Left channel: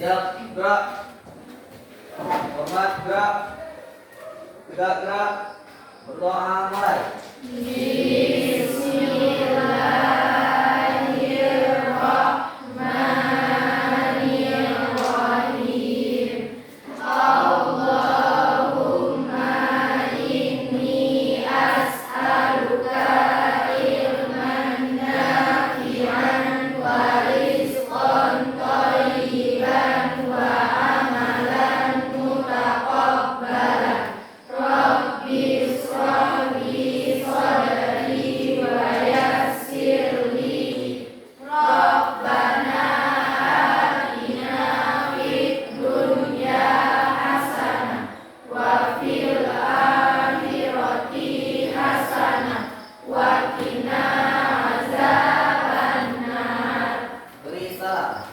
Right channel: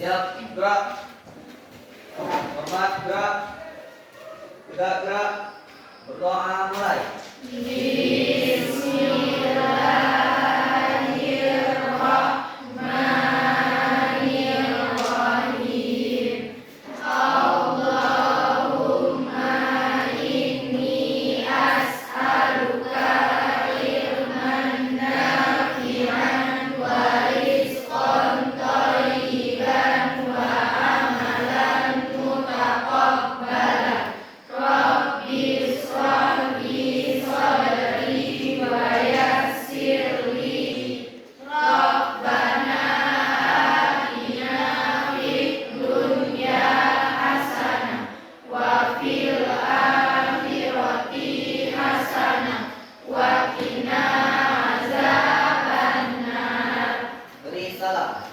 Siap, gerak. Hormat, gerak. Tegak, gerak. Berdoa, mulai. Beri salam.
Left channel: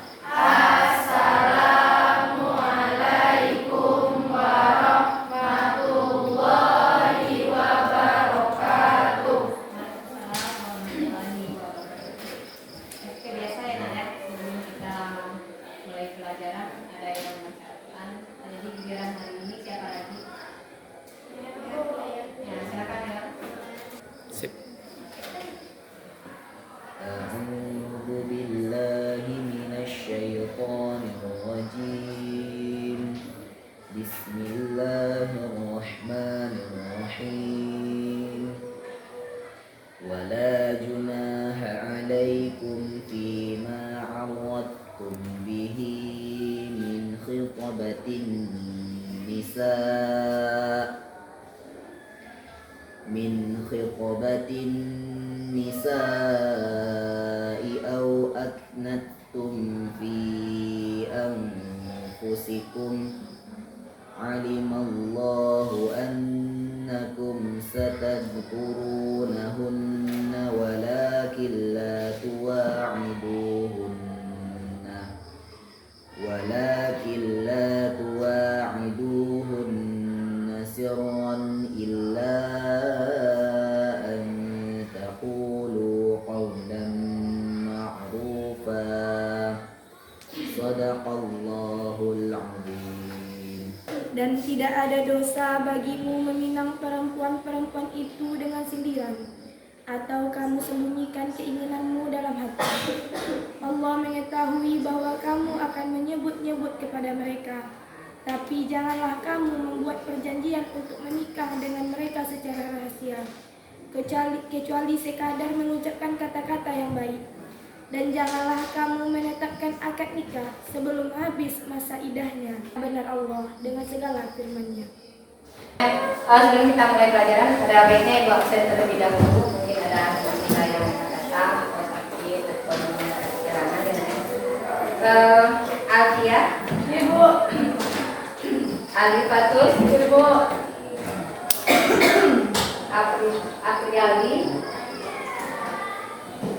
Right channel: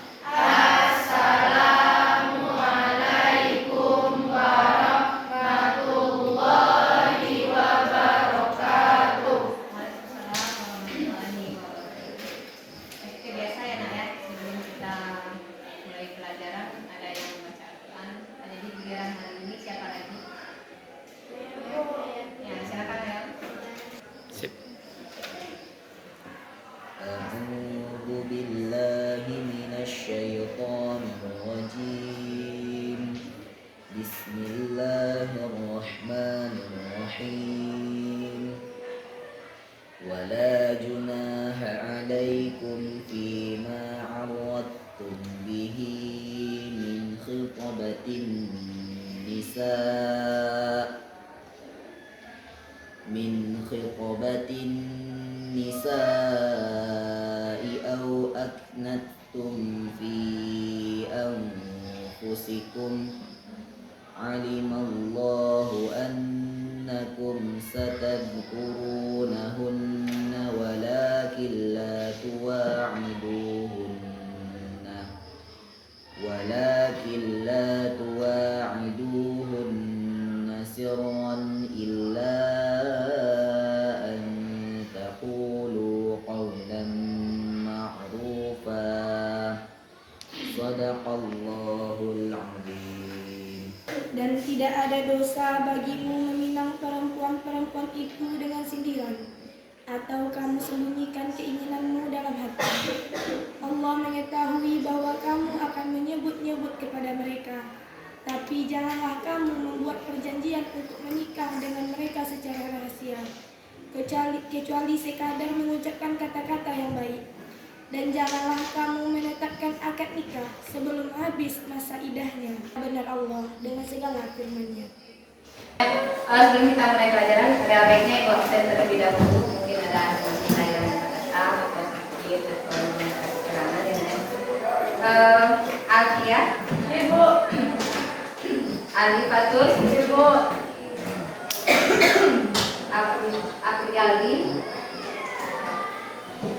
Oke, biasa ya Nak ya, sebelum kita mulai pelajaran ada yang membaca Al-Quran. Jadi giliran hari ini siapa lagi? Ya, silakan ya. أعوذ بالله من الشيطان الرجيم بسم الله الرحمن الرحيم ولا جناح عليكم فيما عرضتم به من خطبة النساء أو أكنتم في أنفسكم علم الله أنكم ستذكرونهن ولكن لا تواعدوهن سرا إلا أن تقولوا قولا معروفا صدق الله العظيم. Dan tidak ada dosa bagimu meminang perempuan-perempuan itu dengan sindiran, atau kamu sembunyikan keinginanmu dalam hati. Allah mengetahui bahwa kamu akan menyebut-nyebut kepada mereka, tapi janganlah kamu membuat perjanjian untuk menikah dengan mereka secara rahasia, kecuali sekadar mengucapkan kata-kata yang baik. Dan janganlah kamu menetapkan akad nikah sebelum habis masa idahnya. Benar Allah dengan segala firman-Nya. Sebelum kita mulai pelajaran, ada baiknya Ibu absen terlebih dahulu. Mungkin ada anggota yang datang atau sakit atau perjalanan ya. Alfia, Ibu. Alifatul, Ibu. Apriyali,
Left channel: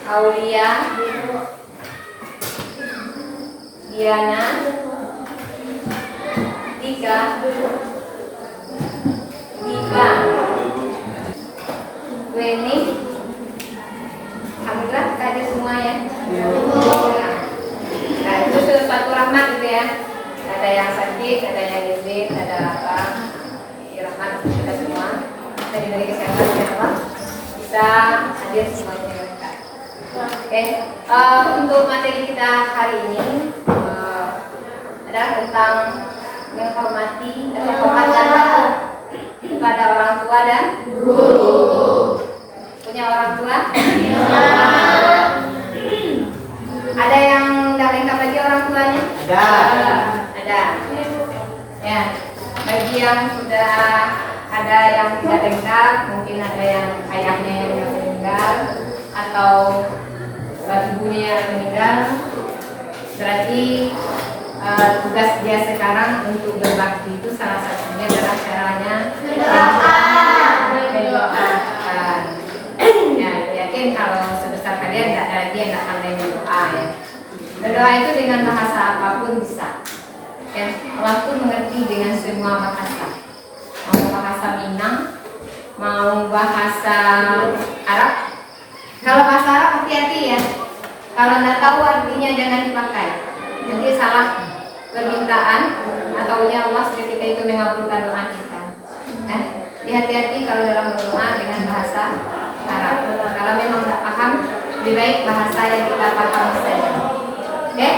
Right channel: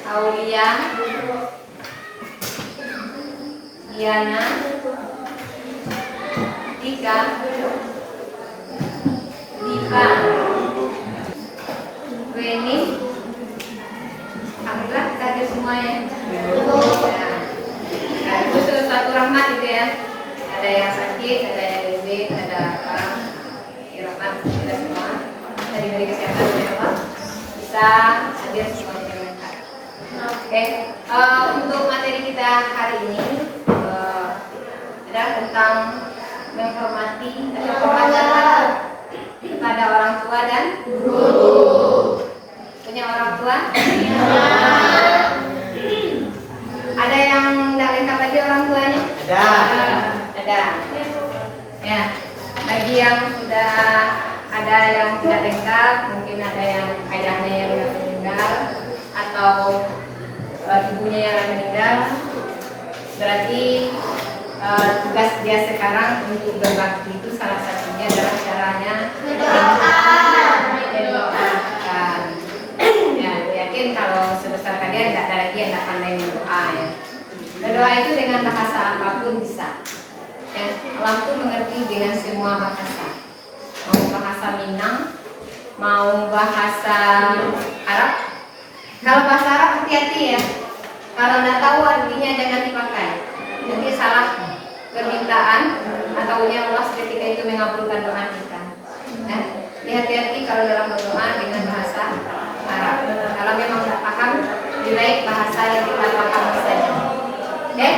Aulia, Diana, Tika, Diva, Weni, alhamdulillah kita hadir semuanya. Nah, itu suatu rahmat gitu ya. Ada yang sakit, ada yang demam, ada apa? Rahmat kita semua. Dari kesehatan Allah bisa hadir semuanya. Oke, untuk materi kita hari ini adalah tentang menghormati dan penghormatan kepada orang tua dan guru. Punya orang tua? Ada yang tidak lengkap lagi orang tuanya? Ada. Ya, bagi yang sudah ada yang tidak lengkap, mungkin ada yang ayahnya yang meninggal atau ibunya yang meninggal, berarti tugas dia sekarang untuk berbakti itu salah satunya adalah caranya mendoakan. Ya, yakin kalau sebesar kalian tidak ada lagi yang tidak pandai berdoa ya. Berdoa itu dengan bahasa apapun bisa. Ya, Allah pun mengerti dengan semua bahasa. Mau bahasa Minang, mau bahasa Arab. Kalau bahasa Arab hati-hati ya. Kalau tidak tahu artinya jangan dipakai. Nanti salah permintaan atau punya luas ketika itu mengabulkan doa kita. Ya. Hati-hati kalau dalam berdoa dengan bahasa Arab. Kalau memang tidak paham, lebih baik bahasa yang kita paham saja. Oke?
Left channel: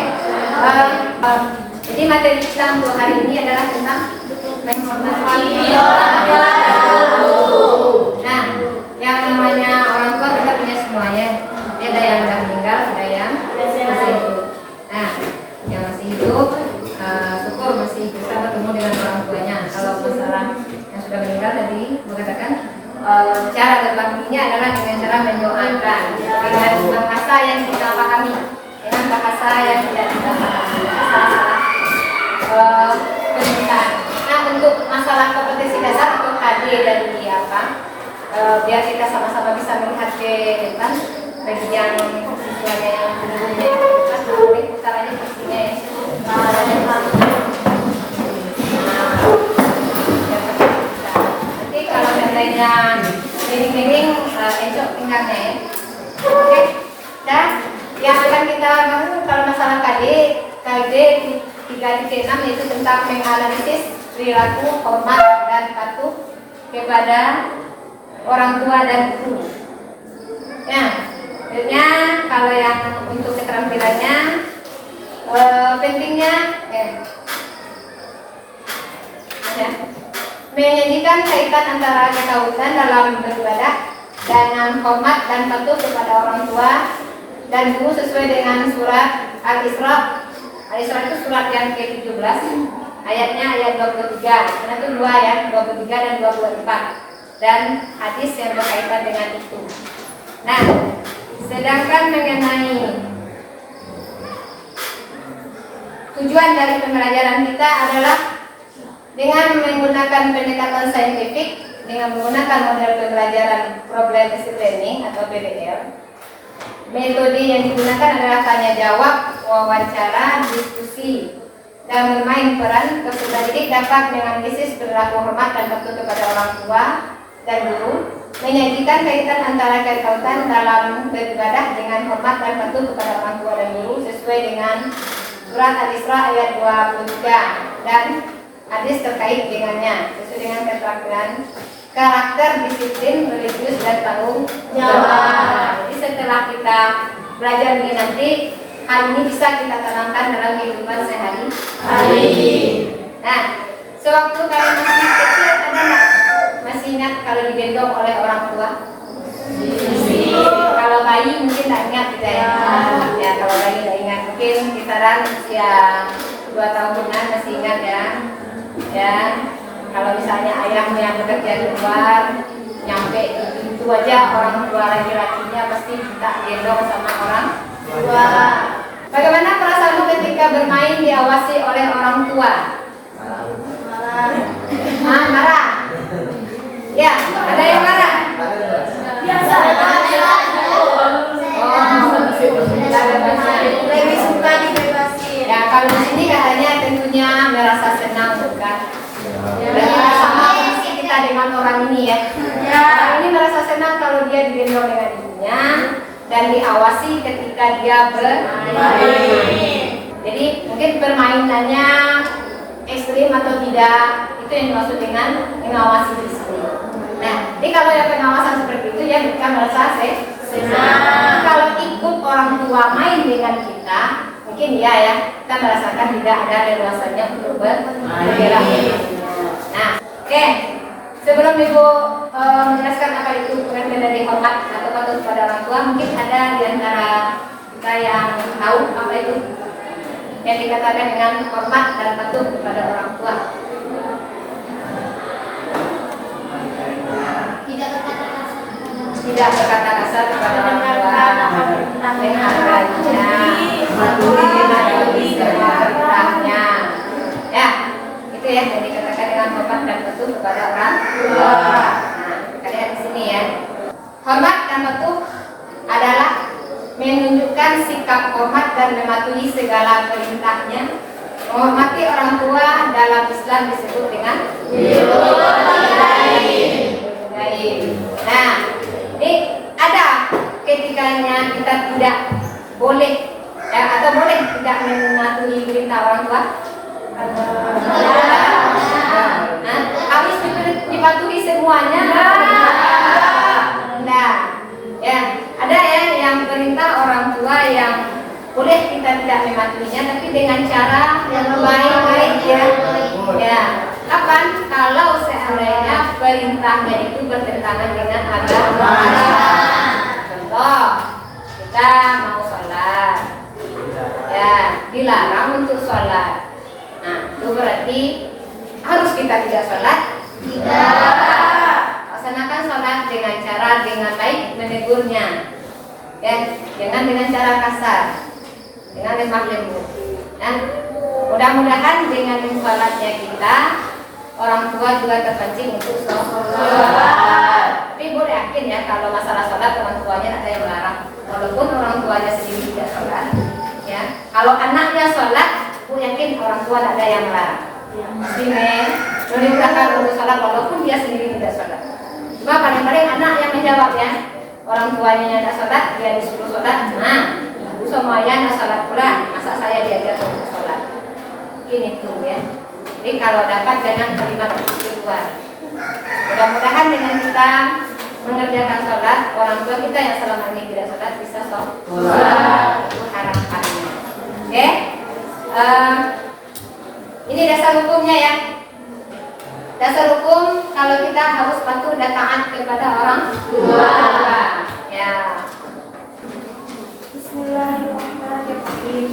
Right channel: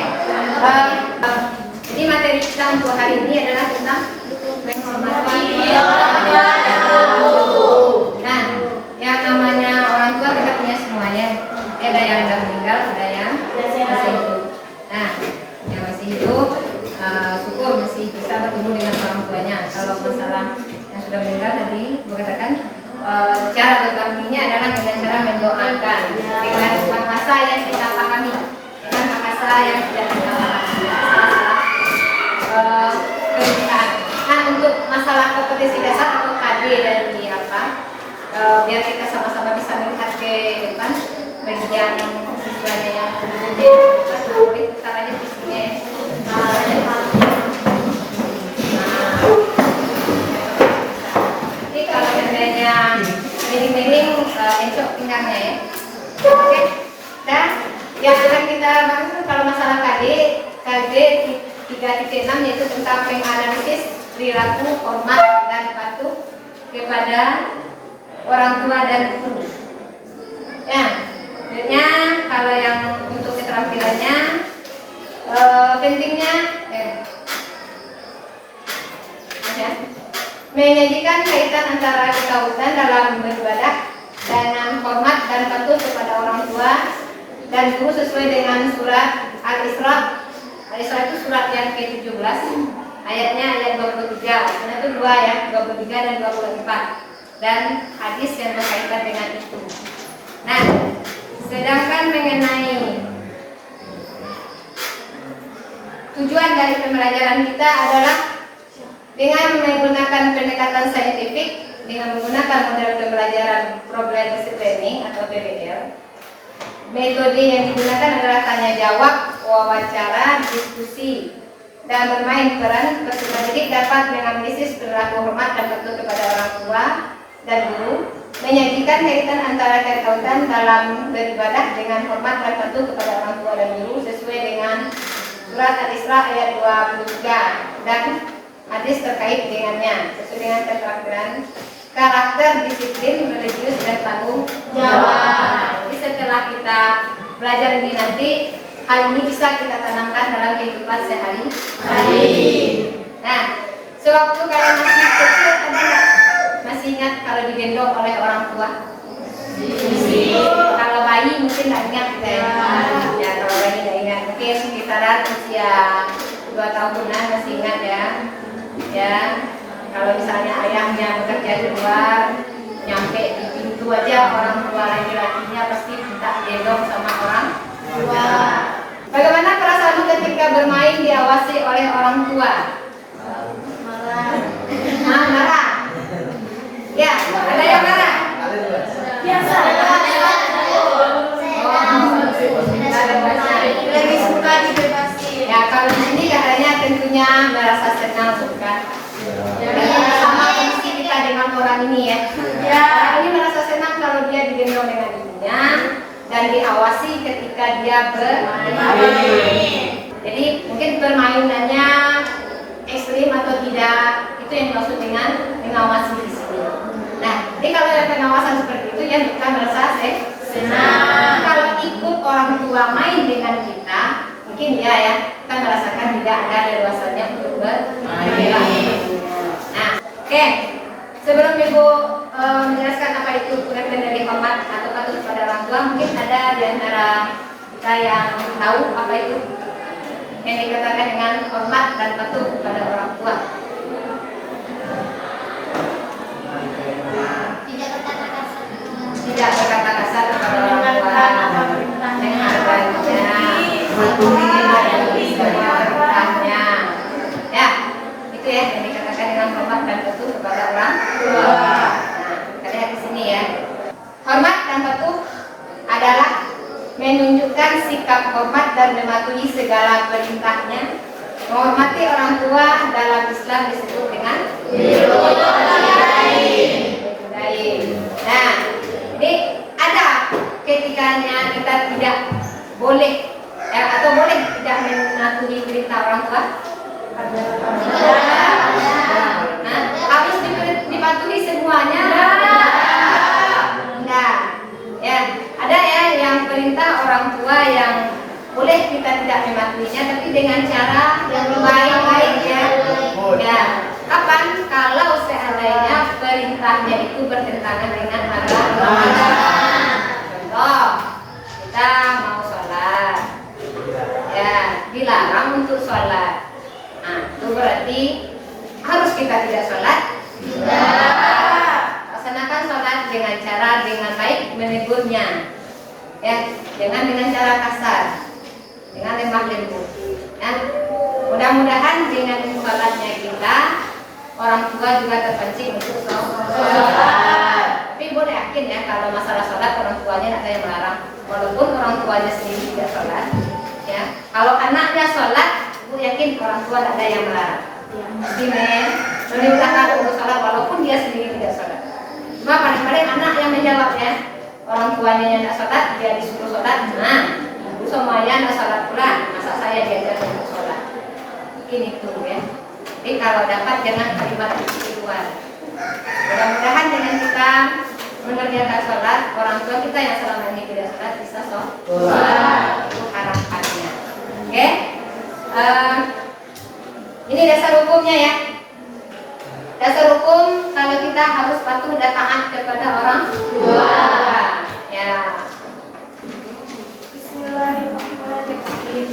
Jadi materi kita untuk hari ini adalah tentang menghormati orang tua. Nah, yang namanya orang tua kita punya semuanya. Ada yang sudah meninggal, ada yang masih hidup. Nah, yang masih hidup, syukur masih bisa bertemu dengan orang tuanya. Kalau masalah yang sudah meninggal tadi mengatakan cara terbaiknya adalah dengan cara mendoakan dengan bahasa yang kita pahami, dengan bahasa yang tidak kita pahami. Permintaan. Nah, untuk masalah kompetisi dasar untuk KD dan di apa, biar kita sama-sama bisa melihat ke depan bagian siswanya yang umumnya, caranya kursinya ya. Jadi kalau seandainya miring-miring, encok pinggangnya ya. Oke. Dan yang akan kita bangun kalau masalah KD 3.6 yaitu tentang menganalisis perilaku, hormat dan patuh kepada orang tua dan guru. Ya, sebenarnya kalau yang untuk keterampilannya pentingnya menyajikan kaitan antara ketauhidan dalam beribadah dengan hormat dan patuh kepada orang tua dan guru sesuai dengan surat Al-Isra. Al-Isra itu surat yang ke-17, ayatnya ayat 23. Karena itu dua ya, 23 dan 24. Dan hadis yang berkaitan dengan itu. Nah, sedangkan mengenai tujuan dari pembelajaran kita adalah dengan menggunakan pendekatan saintifik, dengan menggunakan model pembelajaran problem based learning atau PBL. Metode yang digunakan adalah tanya jawab, wawancara, diskusi, dan bermain peran. Peserta didik dapat menganalisis perilaku hormat dan patuh kepada orang tua dan guru, menyajikan kaitan antara ketauhidan dalam beribadah dengan hormat dan patuh kepada orang tua dan guru sesuai dengan surat Al-Isra ayat 23 dan hadis terkait dengannya sesuai dengan keterampilan karakter, disiplin, religius, dan tanggung jawab. Jadi setelah kita belajar ini nanti, hal ini bisa kita tanamkan dalam kehidupan sehari-hari. Nah, sewaktu kalian masih kecil, ada nggak masih ingat kalau digendong oleh orang tua? Kalau bayi mungkin nggak ingat gitu ya. Ya, kalau bayi nggak ingat, mungkin kisaran usia 2 tahunan masih ingat ya. Ya. Kalau misalnya ayahnya bekerja di luar, nyampe di pintu aja orang tua laki-lakinya pasti minta gendong sama orang tua. Bagaimana perasaanmu ketika bermain diawasi oleh orang tua? Marah. Marah. Ya, ada yang marah? Biasa. Lebih suka dibebasi. Ya, kalau di sini katanya tentunya merasa senang bukan? Sama seperti kita dengan orang ini ya. Orang ini merasa senang kalau dia digendong dengan ibunya dan diawasi ketika dia bermain. Jadi mungkin permainannya ekstrim atau tidak, itu yang dimaksud dengan mengawasi diri sendiri. Nah, jadi kalau yang pengawasan seperti itu ya kita merasa senang. Kalau ikut orang tua main dengan kita, mungkin ya kita merasakan tidak ada leluasannya untuk bermain. Nah, oke. Sebelum Ibu menjelaskan apa itu pengertian dari hormat atau patuh kepada orang tua, mungkin ada di antara kita yang tahu apa itu yang dikatakan dengan hormat dan patuh kepada orang tua. Tidak berkata kasar kepada orang tua, menghargainya, mematuhi semua perintahnya. Ya, itu ya yang dikatakan dengan hormat dan patuh kepada orang tua. Nah, kita lihat di sini ya. Hormat dan patuh adalah menunjukkan sikap hormat dan mematuhi segala perintahnya. Menghormati orang tua dalam Islam disebut dengan Nah, ini ada ketikanya kita tidak boleh atau boleh tidak mematuhi perintah orang tua. Nah, habis dipatuhi semuanya? Nah, ya ada ya yang perintah orang tua yang boleh kita tidak mematuhinya, tapi dengan cara yang baik-baik ya. Ya, kapan? Kalau seandainya perintahnya itu bertentangan dengan agama. Contoh, kita mau sholat, ya dilarang untuk sholat. Nah, itu berarti harus kita tidak sholat? Tidak. Laksanakan sholat dengan cara dengan baik menegurnya, ya, jangan dengan cara kasar, dengan lemah lembut. Ya, mudah-mudahan dengan sholatnya kita, orang tua juga terpancing untuk sholat. Tapi boleh yakin ya kalau masalah sholat orang tuanya ada yang melarang, walaupun orang tuanya sendiri tidak sholat. Ya, kalau anaknya sholat, aku yakin orang tua ada yang melarang. Pasti meninggalkan untuk sholat walaupun dia sendiri tidak sholat. Cuma paling-paling anak yang menjawab ya, orang tuanya yang tidak sholat, dia disuruh sholat. Nah, ibu semuanya tidak sholat pula, masa saya diajar untuk sholat? Ini tuh ya. Jadi kalau dapat jangan kalimat itu keluar. Mudah-mudahan dengan kita mengerjakan sholat, orang tua kita yang selama ini tidak sholat bisa sholat. Itu harapannya. Oke? Ini dasar hukumnya ya. Dasar hukum kalau kita harus patuh dan taat kepada orang tua. Ya. Bismillahirrahmanirrahim.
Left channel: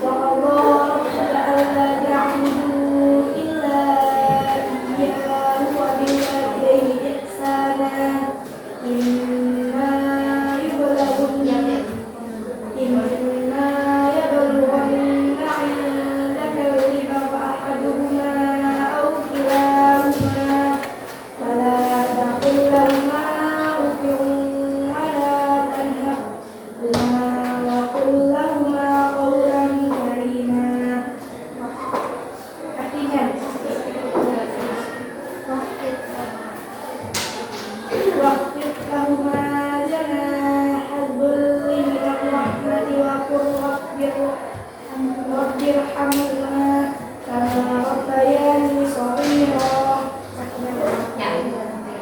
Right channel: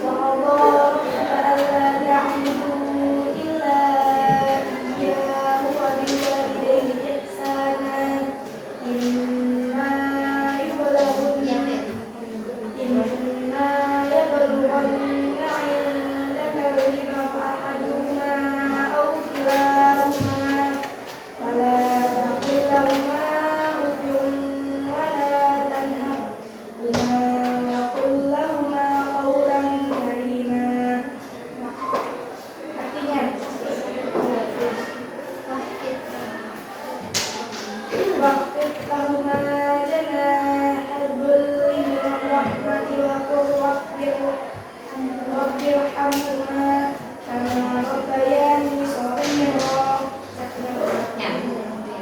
Wallahu ta'ala na'budu illa iyyahu wa bil walidayni ihsana. Inna yablughanna indaka al-kibara ahaduhuma aw kilahuma wala taqul lahuma uffin wala tanharhuma wa qul lahuma qawlan karima. Artinya, waqfid lahuma janahal dhulli minal rahmati wa qul rabbirhamhuma kama rabbayani shaghira. Ya.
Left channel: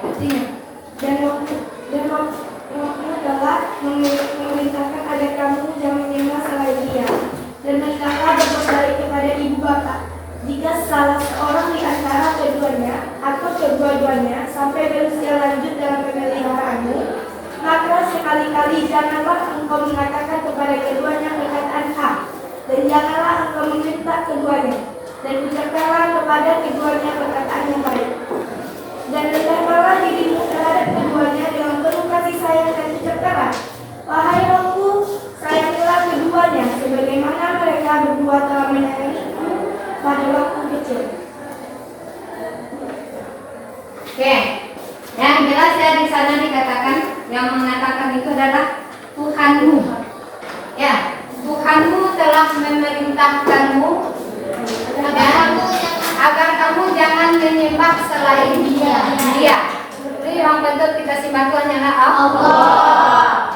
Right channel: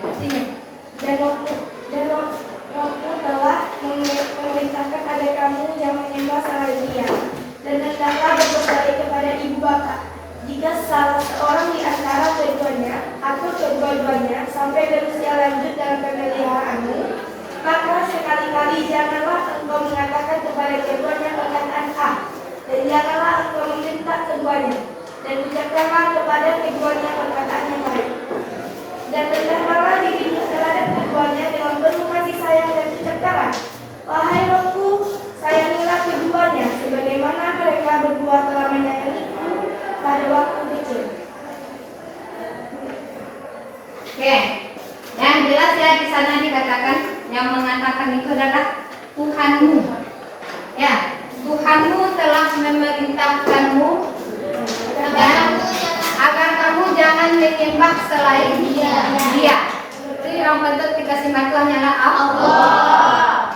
Artinya, dan Rohmu telah memerintahkan agar kamu jangan menyembah selain Dia, dan hendaklah berbuat baik kepada ibu bapak. Jika salah seorang di antara keduanya atau kedua-duanya sampai berusia lanjut dalam pemeliharaanmu, maka sekali-kali janganlah engkau mengatakan kepada keduanya perkataan A, dan janganlah engkau membentak keduanya, dan ucapkanlah kepada keduanya perkataan yang baik. Dan rendahkanlah dirimu terhadap keduanya dengan penuh kasih sayang dan ucapkanlah, wahai Rabbku, sayangilah keduanya sebagaimana mereka berdua telah menyayangiku pada waktu kecil. Oke. Yang jelas ya di sana dikatakan yang mengatakan itu adalah Tuhanmu. Ya, Tuhanmu telah memerintahkanmu agar kamu jangan menyembah selain Dia. Jadi yang bentuk kita sembah Tuhan adalah Allah.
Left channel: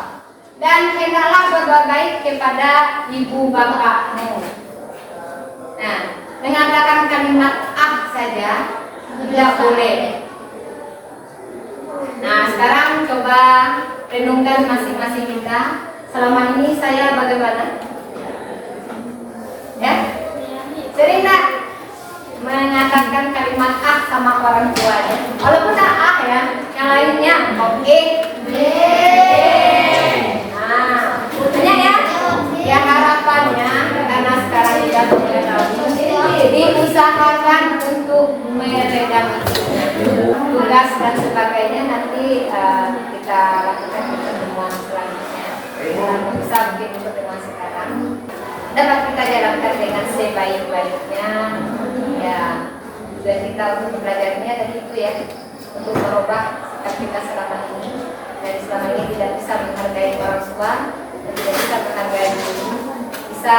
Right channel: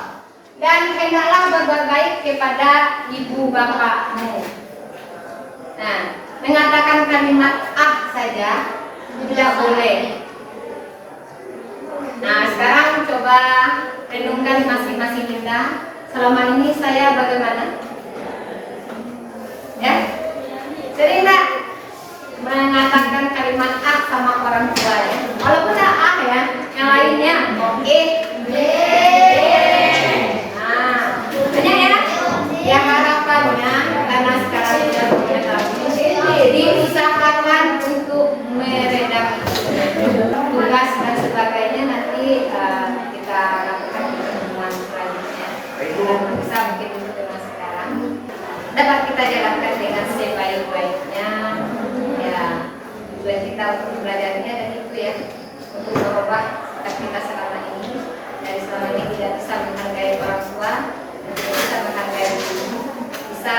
Dan hendaklah berbuat baik kepada ibu bapakmu. Nah, mengatakan kalimat saja tidak boleh. Nah, sekarang coba renungkan masing-masing kita. Selama ini saya bagaimana? Ya? Sering tak mengatakan kalimat sama orang tua ya? Walaupun tak ya, yang lainnya oke. Nah, banyak ya? Ya harapannya karena sekarang sudah mulai diusahakan untuk meredam tugas dan sebagainya nanti kita lakukan di pertemuan selanjutnya. Dan bisa mungkin untuk dengan sekarang dapat kita jalankan dengan sebaik-baiknya ya. Dan kita untuk belajarnya dan itu ya untuk merubah sikap kita selama ini. Dan selama ini tidak bisa menghargai orang tua dan tidak bisa menghargai diri, bisa